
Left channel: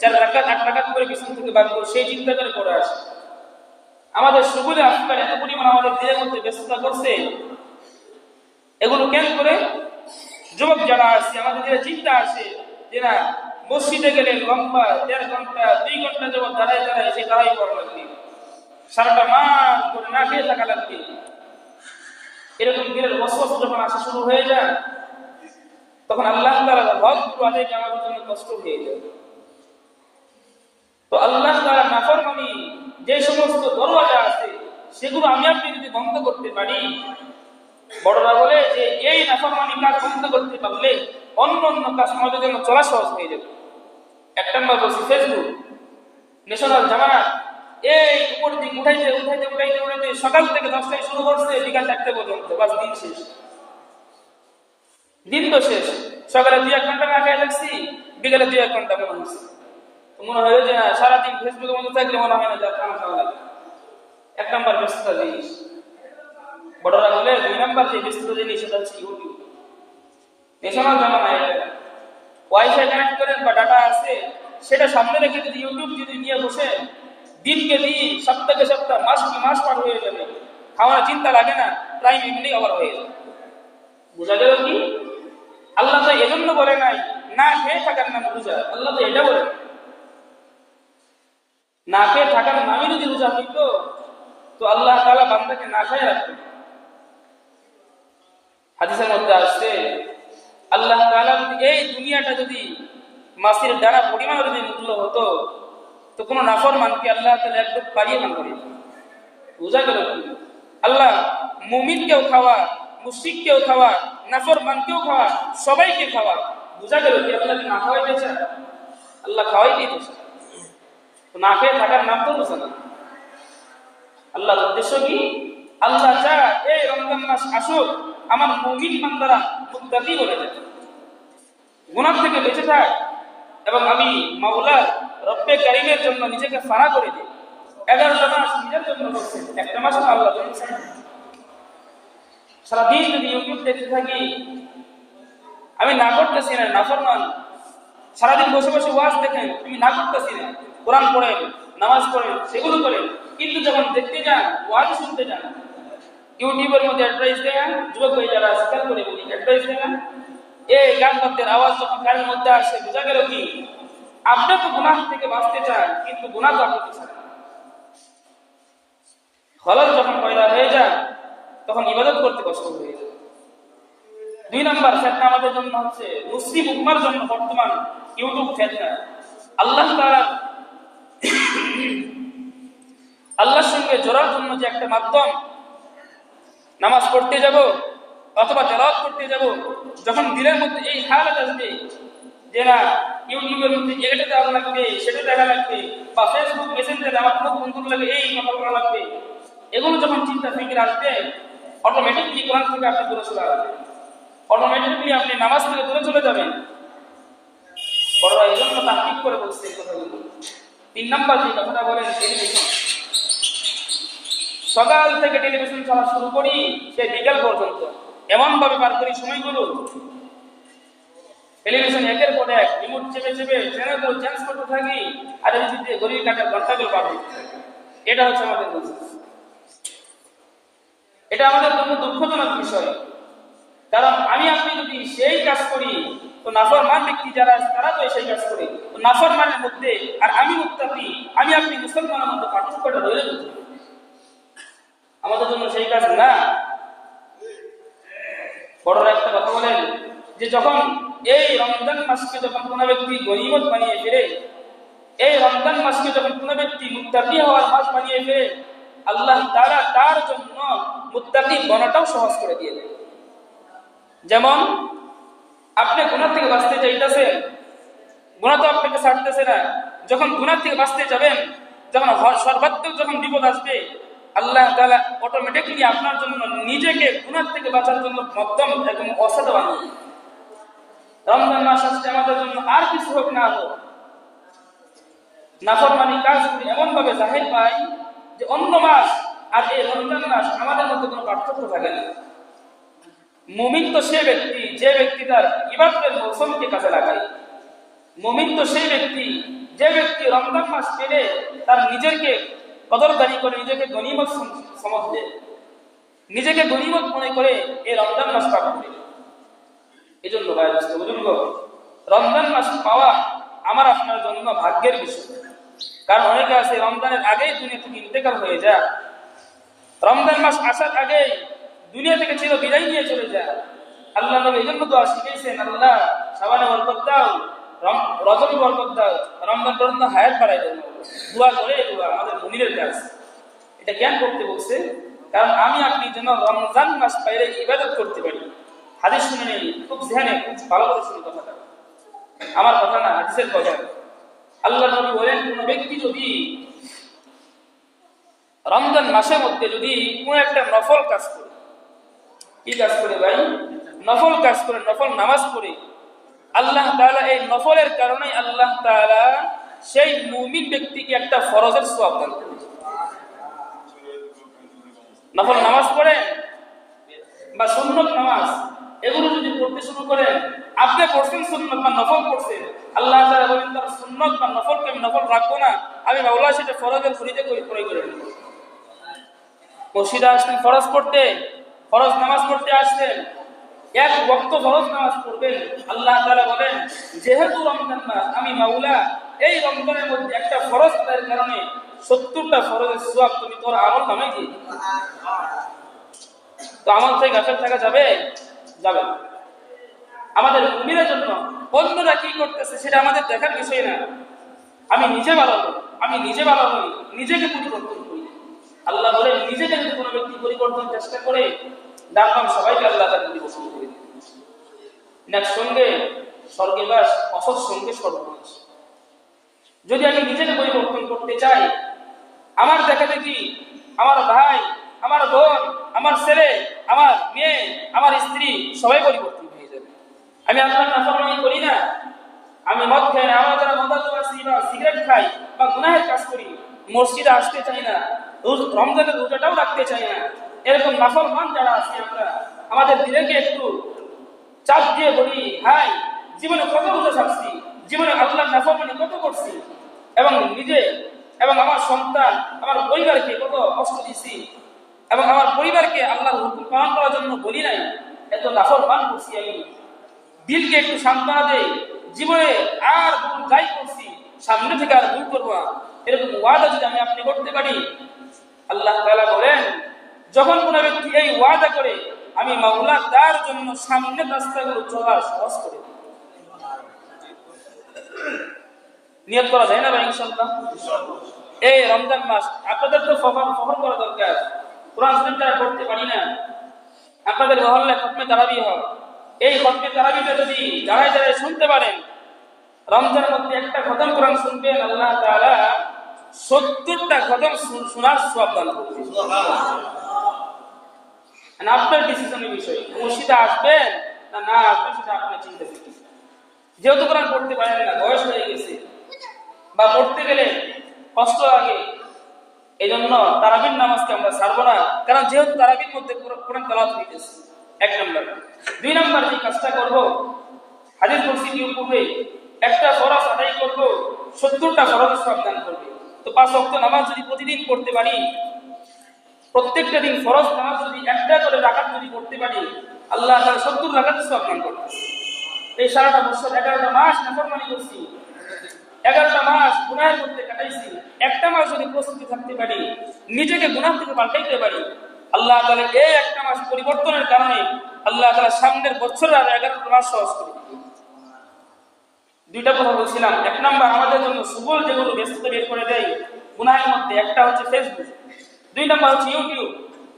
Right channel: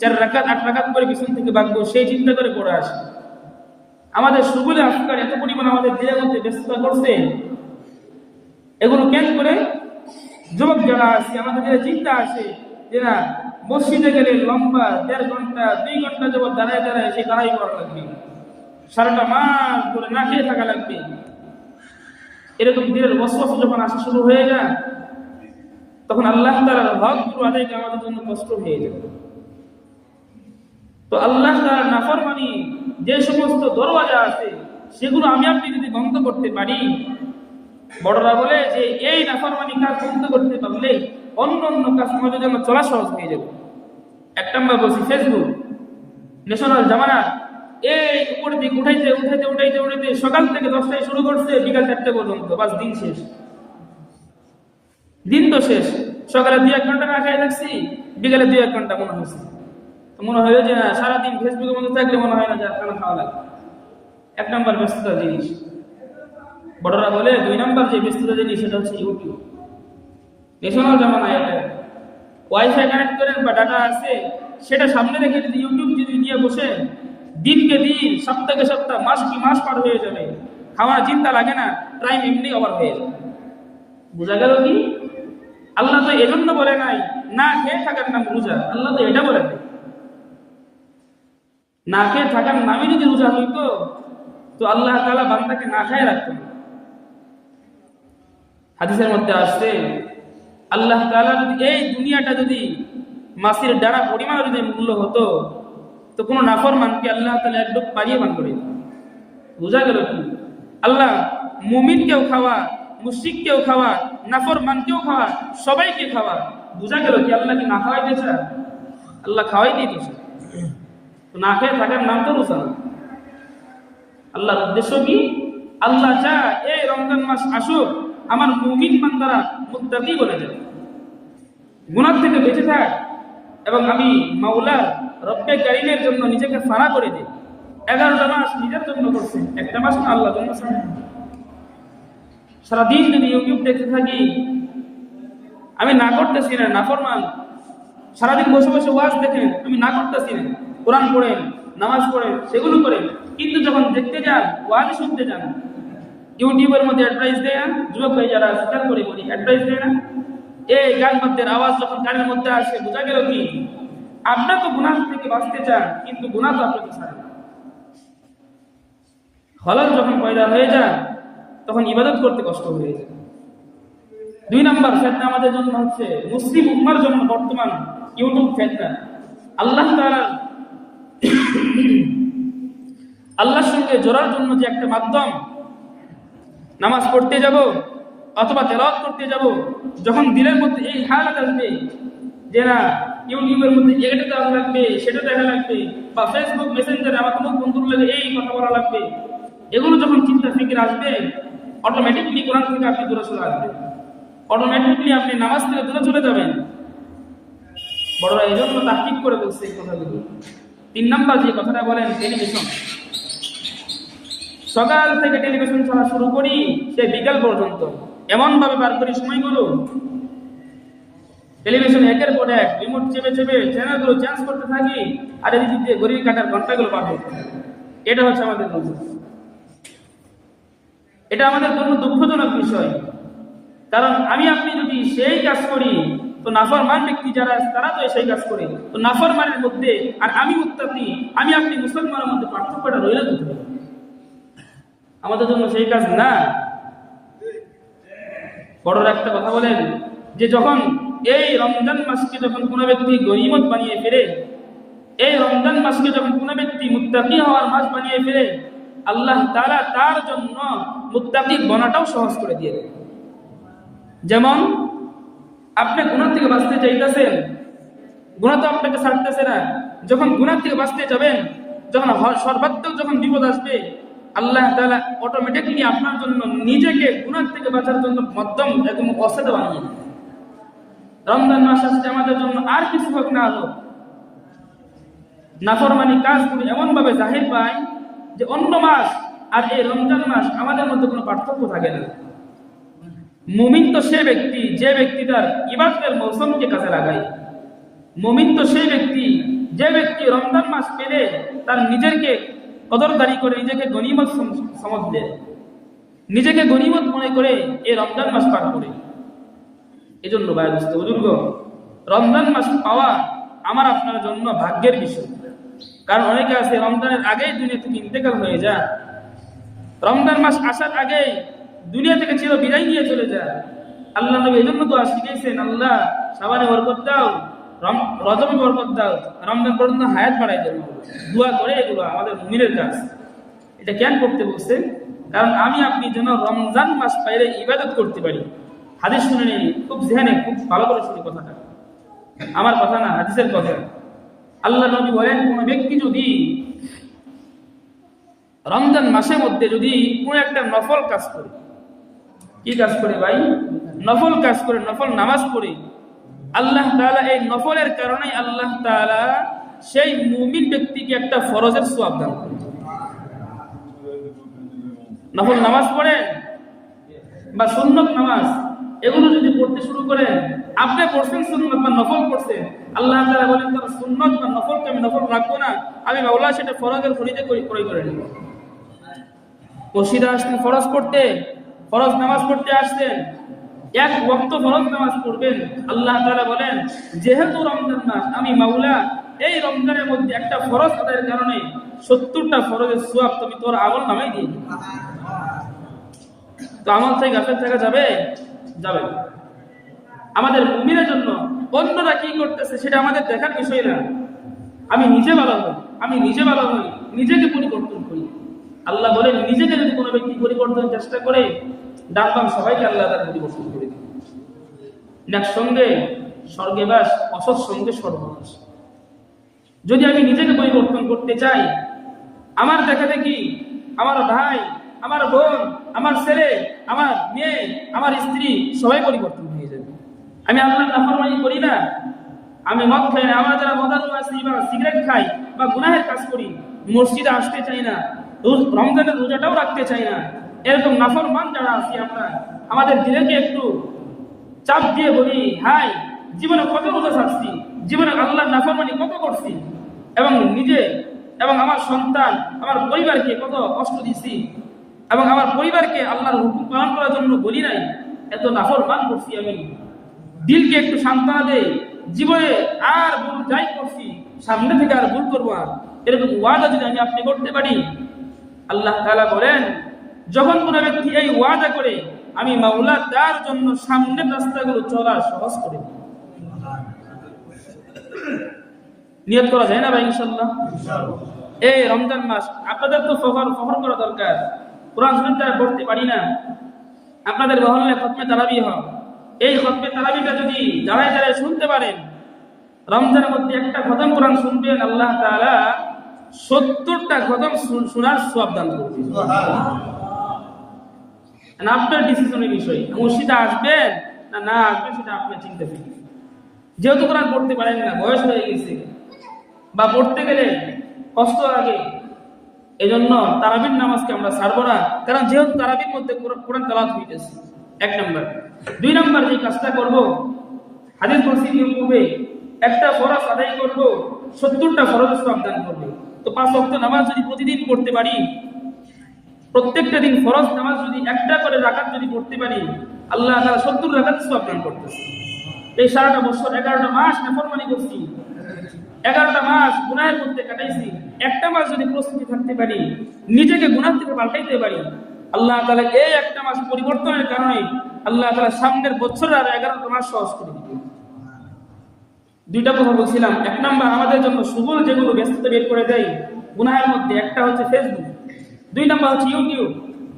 4 রাকাত 8 রাকাত করে পিছন থেকে বাঁধবো, সেই চিন্তা করে পড়ে আসি। আমাদের সুবুলে আফকার এত পরিমাণ আমাদের দেহের মধ্যে ব্যস্ততা করছে, এগুলো কেন করে? যুবক যারা আছে আমাদের দেহে চিন্তা আসে যে না, মসজিদে গেলে লম্বা 1.5 ঘন্টা 2 ঘন্টা যাবত দাঁড়ায় দাঁড়ায় সে তারাই পড়া লাগবে, সারাটা মাস ধরে না খেয়ে থাকা লাগবে। এরকম দিনের ওয়াসওয়াসা যখন আসা শুরু হয়ে যায়, তখন আল্লাহ তাআলার হক আদায় করা আমাদের জন্য কষ্ট হয়ে যায়। তো আল্লাহ তাআলার নাফরমানি যে সমস্ত দরওয়াজা আছে সেগুলো আমি আপনি যদি বন্ধ করতে পারি, বড়রা বলে যে এই নাফরমানি কাজ বন্ধ করতে পারলে অন্য অন্য কাজ আমাদের জন্য চলা সহজ হয়ে যাবে। এক নম্বর বলছি ফেসবুক, ন্যাশনাল জামানা, এই উপর দিক উঠাইতে সকাল থেকে 10টায় শুরু করছে বিকাল 4টে পর্যন্ত, বাস দিন শেষ। দিন তো শেষ, সকালে 2-1 ঘন্টা না খেয়ে থাকছি, বিকালে 2-1 ঘন্টা মনে হচ্ছে, মনে হয় যে সারাদিন ফেসবুকের মধ্যে থাকলে মনে হয় না যে খানা খাওয়া লাগে। 1 নম্বর ব্যস্ততা জিনিস। বড়রা বলে 2 নম্বর যে ব্যস্ততা জিনিস সেটা হচ্ছে ইউটিউব। ন্যাশনাল জামানায় ওয়াইফাই কানেক্ট করেন বা ডাটা আছে, সেটা সামনে রেখে যদি ইউটিউব যদি নিয়ে বসে দিনকে দিন, সপ্তাহে সপ্তাহ, মাস কি মাস পার হয়ে যাবে, খাওয়ার চিন্তা লাগে না, টাইম এমনি ওভার হয়ে যাবে। বুঝা গেল কি? আল্লাহ তো এজন্য বলে নাই না খেয়ে থাকার নাম রোজা, আল্লাহ তো এটা বলে নাই। না খেয়ে থাকার নামই যদি রোজা হইতো তো আল্লাহ তাআলা বান্দাকে না খায় রাখতেন। হাদিসের মধ্যে আসছে আল্লাহ তাআলা যদি এই দুনিয়াটা যদি মাছের দানা পরিমাণ যদি মূল্য হতো তো কোনো নাফরমানকে আল্লাহ তাআলা একটু পারিয়ে পান করে। বুঝা গেল কি? আল্লাহ মুমিনকেও খাওয়া, মুশরিককেও খাওয়া, নাফরমানকেও খাওয়া, সবাইকে খাওয়া। বুঝা গেল কি? আল্লাহ কি না খাওয়াইতে চায়? আল্লাহ খাওয়াইতে দিচ্ছে। না খেয়ে থাকার নাম তো রোজা না। আল্লাহর উদ্দেশ্য কি? আল্লাহ চায় এই রমজান মাস আসুক, আমার মুমিন বান্দারা মুত্তাকি বনে যায়, গুনাহ থেকে বেঁচে থাক, এবং আমি মাওলা রব্বে কারীমের জন্য নিজেকে ফানা করে দিই। 11টা মাস নিজের জন্য করছেন, একটা মাস আল্লাহর জন্য। সারাদিন যদি ইউটিউব দেখতে থাকি, আমি না করতেছি না, নাফরমান। সারাদিন বসে বসে ওয়াজ দেখেন, আমি না করতেছি না, কোরআন পড়েন, নামাজ পড়েন, সেগুলো করেন, কিন্তু যখন দেখতে যান, ওয়াজ শুনতে যান, ইউটিউবের মধ্যে অ্যাডভাইস দেয়, যুবক ভাই যারা শিকার করে বলি অ্যাডভাইস দেয় না, এই গান বাদ্যের আওয়াজ যখন কানের মধ্যে আসে, বোঝা গেল কি? আপনার তো গুনাহ থেকে বাঁচতে চান, কিন্তু গুনাহ তো আপনি চান। খলল যখন পয়দা হয়ে যায় তখন ইবাদত করতে কষ্ট হয়ে যায়। 2 নম্বর ফিতনা আমাদের জন্য হচ্ছে, মুসলিম উম্মার জন্য বর্তমান ইউটিউব ফিতনা। আল্লাহ তাআলা আল্লাহর সঙ্গে জোড়ার জন্য যে একটা মাধ্যম, নামাজ পড়তে যাব অথবা তেলাওয়াত করতে যাব, যখন দিলের মধ্যে এই হালত আসবে যে না ইউটিউবের মধ্যে এটা দেওয়া লাগবে, সেটা দেখা লাগবে, বা ফেসবুক মেসেঞ্জারে আমার কোনো বন্ধুর লাগে এই কথা বলা লাগবে, এগুলো যখন চিন্তা ফিকির আসবে, অটোমেটিকলি কোরআন থেকে আপনি দূরে চলে আসবেন, অটোমেটিকলি আপনি নামাজ থেকে দূরে চলে যাবেন। বড়রা এই জন্য তাহকিক করে বলছে এই কথাগুলো। 3 নম্বর যে কথাটা বলেন, টেলিভিশন। সকাল থেকে টেলিভিশন চালা শুরু করি, সে বিকাল পর্যন্ত এমন ভাবে পার করি সময়গুলো, টেলিভিশন একের পর এক রিমোট চেপে চেপে চ্যানেলগুলো চেঞ্জ করতে থাকি, আর এই দিক দিয়ে ঘড়ির কাঁটার ঘন্টাগুলো পার হয়ে থাকে। এটা হচ্ছে আমাদের দোষ। এটা আমাদের জন্য দুঃখজনক বিষয়, কারণ আমি আপনি যদি সেই কাজ করি তো নাফরমান ব্যক্তি যারা আছে তারা তো সেই কাজ করে, তো নাফরমানের মধ্যে আর আমি মুত্তাকি, আমি আপনি মুসলমানের মধ্যে পার্থক্যটা রয়ে যেতে হবে। আমাদের জন্য সেই কাজ না। বড়রা একটা কথা বলেন যে যখন এই রমজান মাসকে যখন কোনো ব্যক্তি গনিমত বানিয়ে ফেলে, এই রমজান মাসকে যখন কোনো ব্যক্তি মুত্তাকি হওয়ার মাস বানিয়ে ফেলে, আল্লাহ তাআলা তার জন্য মুত্তাকি বনাটাও সহজ করে দিয়ে দেয়। যেমন আপনি গুনাহ থেকে বাঁচতে চাইতেছেন, গুনাহ তো আপনাকে ছাড়তেছে না, যখন গুনাহ থেকে বাঁচতে যাবেন, যখন সর্বাত্মক যখন বিপদ আসবে, আল্লাহ তাআলা অটোমেটিকলি আপনার জন্য নিজেকে গুনাহ থেকে বাঁচার জন্য মাধ্যম একদম অসাধ বানিয়ে দেয়। রমজান মাস আসছে আমাদের জন্য, আর কিছু হোক না হোক, নাফরমানি কাজ এমন ভাবে জাহির পায় যে অন্য মাস আর এই রমজান মাস আমাদের মধ্যে কোনো পার্থক্য থাকে না। মুমিন তো সে ব্যক্তি যে ব্যক্তি তার ইবাদতের মৌসুমকে কাজে লাগায়। মুমিন তো সেই ব্যক্তি যে ব্যক্তি রমজান মাস পেলে তার নিজেকে কদরদারি করে, নিজেকে গনিমত সমঝ দেয়, নিজেকে গনিমত মনে করে এই রমজান মাস পার করে। এজন্য ভাই দোস্ত বুজুর্গ, রমজান মাস পাওয়া আমার আপনার জন্য ভাগ্যের বিষয়। কারণ অনেকে আছে রমজানের আগেই দুনিয়া থেকে ইন্তেকাল হয়ে যায়, রমজান মাস আসার আগেই দুনিয়া থেকে চির বিদায় নিয়ে চলে যায়। আল্লাহ নবী এজন্য তো শিখিয়েছেন, আল্লাহ শাবানে বরকত দাও, রজবে বরকত দাও, রমজান পর্যন্ত হায়াত বাড়াই দাও। দোয়া করে দোয়া আমাদের মুমিনের কাজ। এটা কেন করতে বলছে? কারণ আমি আপনি যেন রমজান মাস পাইলে ইবাদত করতে পারি। হাদিস শুনে নেই, খুব জেহানে খুব ভালো করে শুনে কথাটা, আমার কথা না, হাদিসের কথা। আল্লাহ নবী বলেন, কোন ব্যক্তি যদি রমজান মাসের মধ্যে যদি কোনো একটা নফল কাজ করে, কি কাজ করে ভাই? নফল কাজ করে, নফল নামাজ পড়ে, আল্লাহ তাআলা এই নফলের কারণে আল্লাহ তাআলা সেই মুমিন ব্যক্তিকে একটা ফরজের সওয়াব দান করেন। নফল নামাজ পড়েন বা সুন্নত নামাজ এগুলো যদি পড়তে শুরু করেন, আপনি পড়ছেন সুন্নত বা নফল পড়ছেন, আল্লাহ তাআলা বলেন তার সুন্নত বা নফলকে আমি নফল রাখবো না, আমি মাওলা সেটা ফরজের পরিতে ক্রয় করে নেব। মসজিদে আসতেন ফরজ পড়তে, ফরজ নামাজ পড়তে আসতেন, এক ওয়াক্ত ফরজ নামাজ পড়বেন, আল্লাহ তাআলা বলেন যেহেতু রমজান মাস, আমি মাওলা এই রমজানের মধ্যে একটা ফরজ আদায়ের কারণে 70টা ফরজের সওয়াব তুমি তোর আমল নামায় দিয়ে দিবে। তো আমল থেকে গাফেল থাকা যাবে? যাবে। আমাদের মুমিনের জন্য অন্যরা কি করতেছে সেটা আমাদের দেখার বিষয় না। আমি নিজে ভালো হই, আমি নিজে ভালো হই, নিজেকে পরিবর্তন করি। আল্লাহ বলেন নিজেকে যদি কোনো ব্যক্তি পরিবর্তনের চেষ্টা করে, ডাকলাম সবাইকে আল্লাহ তার পরিবর্তন করে দিবে। নেক সঙ্গে স্বর্গে বাস, অসৎ সঙ্গে সর্বনাশ। যদি আমি নিজেকে পরিবর্তন করতে চাই, আমার দেখা দেখি আমার ভাই, আমার বোন, আমার ছেলে, আমার মেয়ে, আমার স্ত্রী সবাই পরিবর্তন হয়ে যাবে। আমি আল্লাহর নাফরমানি করি না, আমি মদ খাই না, আমরা যারা মদাদু আছি বা সিগারেট খাই বা গুনাহের কাজ করি, মসজিদে আসতে চাই না, রমজানের রোজাটাও রাখতে চাই না, এরকম নাফরমান যারা আছি আমরা, আমাদের দিলেকে একটু চাপ দিয়ে বলি, হাই জীবনে কত রোজা ছাড়ছি, জীবনে আল্লাহর নাফরমানি কত করছি, এবং নিজে এবং আমার সন্তান, আমার পরিবারকে কত কষ্ট দিছি, এবং আমার পরিবারকে আল্লাহর হুকুম পালন করার জন্য বলি নাই, এত নাফরমান করছি। আমি দিলকে একটু সান্ত্বনা দেই, জীবনে আর ভুল যাই করছি সামনে থেকে আর ভুল করবো না, এরকম ওয়াদা যদি আমি আপনি করতে পারি, আল্লাহ তাআলা বলেন যখন কোনো ব্যক্তি এই ওয়াদা করে, আমি মাওলা তার জন্য সামনের রাস্তাগুলো চলা সহজ করে দিই। নিয়ত করা যায় না ভাই? ইনশাআল্লাহ। এই রমজান মাস আপনাদের তো ফখর করা দরকার। কোরআন শরীফ তারা পড়তে পারি না, আপনাদের মহল্লায় খতমে তারাবি হয়, এই খতমে তারাবিটা যদি দাঁড়ায় দাঁড়ায় শুনতে পারেন, রমজানের মধ্যে একটা খতম কোরআন শুনবেন, আল্লাহ তাআলা 70টা খতম শোনার সওয়াব দান করবেন। সুবহানাল্লাহ। আপনার ডিসিশনের বিষয়, মসজিদে আসবেন না না আসবেন সেটা আপনি চিন্তা করবেন। যেহেতু কোরআন পড়তে পারেন না, বয়স হয়ে গেছে বা পড়তে গেলে কষ্ট লাগে, এজন্য তারাবির নামাজকে আমরা ছাড়বো না, কারণ যেহেতু তারাবির মধ্যে কোরআন তেলাওয়াত হইতেছে। এক নম্বর। দুই নম্বর যে কাজটা করবো, হাদিস বলছি কি করবে, একটা ফরজ আদায় করবো, 70টা ফরজের সওয়াব দান করবে। তো 5 ওয়াক্ত নামাজ যদি প্রতিদিন পড়তে পারি, প্রত্যেকটা দিন ফরজ নামাজ যদি একটা করে রাকাত যদি পড়তে পারি, আল্লাহ তাআলা 70 রাকাত সওয়াব দান করতেছে। এই সারাটা বছর 11টা মাস নাফরমানি করছি, 11টা মাস গুনাহ করতে কাটাইছি, একটা মাস যদি প্রস্তুতি থাকতে পারি, নিজেকে গুনাহ থেকে পাল্টাইতে পারি, আল্লাহ তাআলা এই একটা মাস পরিবর্তনের কারণে আল্লাহ তাআলা সামনের বছর আর 11টা মাস সহজ করে দিবেন। দুইটা কথা বলছিলাম। এক নাম্বার, আমাদের জন্য সুবল যেগুলো ব্যস্ততা বের করে দেয় গুনাহের মধ্যে, একটা হচ্ছে ফেসবুক, 2 নাম্বার হচ্ছে ইউটিউব,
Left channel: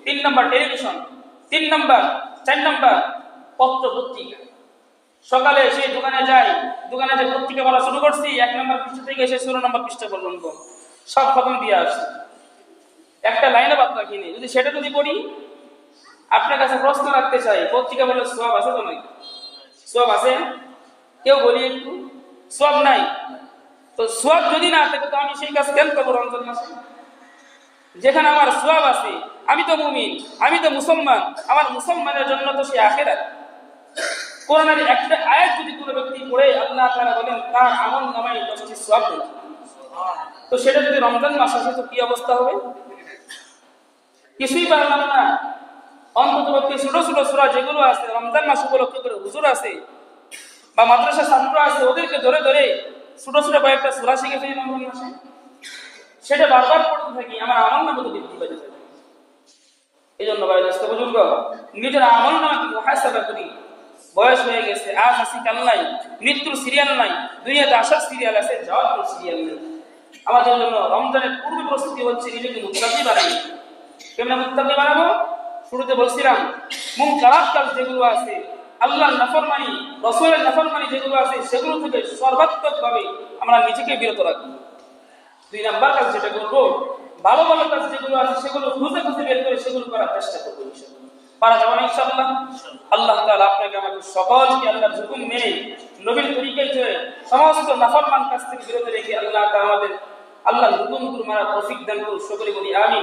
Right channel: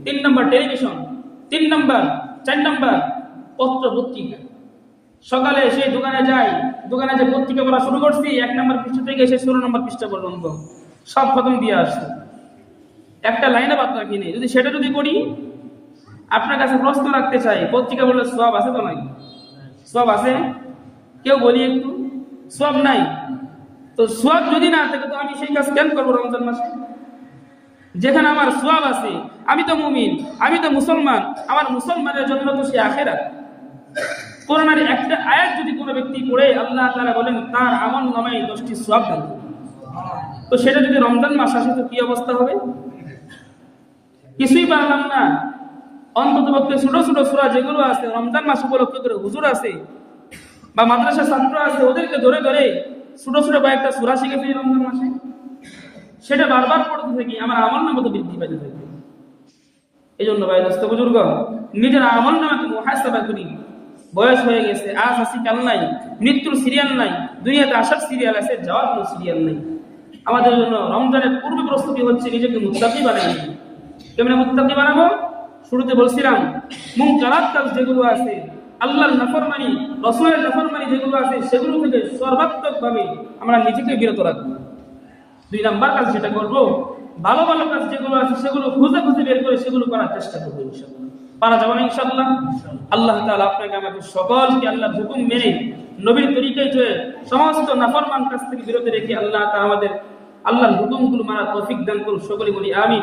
3 নাম্বার টেলিভিশন, 4 নাম্বার পত্র পত্রিকা। সকালে সেই দোকানে যাই, দোকানে যে পত্রিকা পড়া শুরু করছি, 1 নাম্বার পৃষ্ঠা থেকে এসে 16 নাম্বার পৃষ্ঠা পর্যন্ত সব খতম দিয়ে আসছি, একটা লাইনে বাদ রাখিনি। যদি সেটা যদি করি, আপনার কাছে প্রশ্ন রাখতে চাই, পত্রিকা বলে সওয়াব আছে তো নাই? সওয়াব আছে? কেউ বলি একটু, সওয়াব নাই। তো সওয়াব যদি না থাকে তো আমি সেই কাজ কেন করবো রমজান মাসে? যেখানে আমার সওয়াব আছে, আমি তো মুমিন, আমি তো মুসলমান, আমার মুসলমানের জন্য তো সে আখিরাত। কোরআনের একটা আয়াত যদি কোনো ব্যক্তি পড়ে, আল্লাহ তাআলা বলেন তার আমল নামায় 10টি সওয়াব দেন। তো সেটা যদি রমজান মাস আসে তো কি অবস্থা হবে? কিছুই পারলাম না। অন্ততপক্ষে ছোট ছোট সূরা যেগুলো আছে রমজান মাস উপলক্ষে করে হুজুর আছে বা মাদ্রাসা ছাত্র আছে, ওদেরকে ধরে ধরে ছোট ছোট কয়েকটা সূরা শিখে ফেলি রমজান মাসে, সেটা বারবার পড়তে থাকি, আমার আমল নামা তো বৃদ্ধি পাইতে থাকে। এই জন্য ভাই দোস্ত বুজুর্গ, নিজের আমল নামাকে মুহাসাবা করি। বয়স হয়ে গেছে, আজ আসি কাল নাই, মৃত্যুর সিরিয়াল নাই, দুনিয়াতে আসার সিরিয়াল আছে, যাওয়ার কোনো সিরিয়াল নেই। আমাদের জন্য রমজানের পূর্ব প্রস্তুতি হচ্ছে নিজেকে মুত্তাকি বানাই। কেমন মুত্তাকি বানাবো? শুরুতে বলছিলাম, মুনকারাত কাজ যেগুলো আছে, আল্লাহর নাফরমানি, রাসূলের নাফরমানি যেগুলো আছে সেগুলো থেকে সর্বাত্মকভাবে আমরা নিজেকে বিরত রাখবো। 2 নাম্বার কাজ যেটা করব, ভালো ভালো কাজ যেগুলো আছে সেগুলো খুঁজে খুঁজে বের করে সেগুলো করার চেষ্টা করবো ইনশাআল্লাহ। পারা যাবে না ইনশাআল্লাহ? আল্লাহ তাআলা আপনাকে আমাদের সকলকে আল্লাহর হুকুম মেনে নবীর তরিকায় চলে সমস্ত নাফরমান কাজ থেকে বিরত রেখে আল্লাহ তাআলা আমাদের আল্লাহর হুকুমগুলো মানার তৌফিক দান করুন। সকলে বলি আমিন।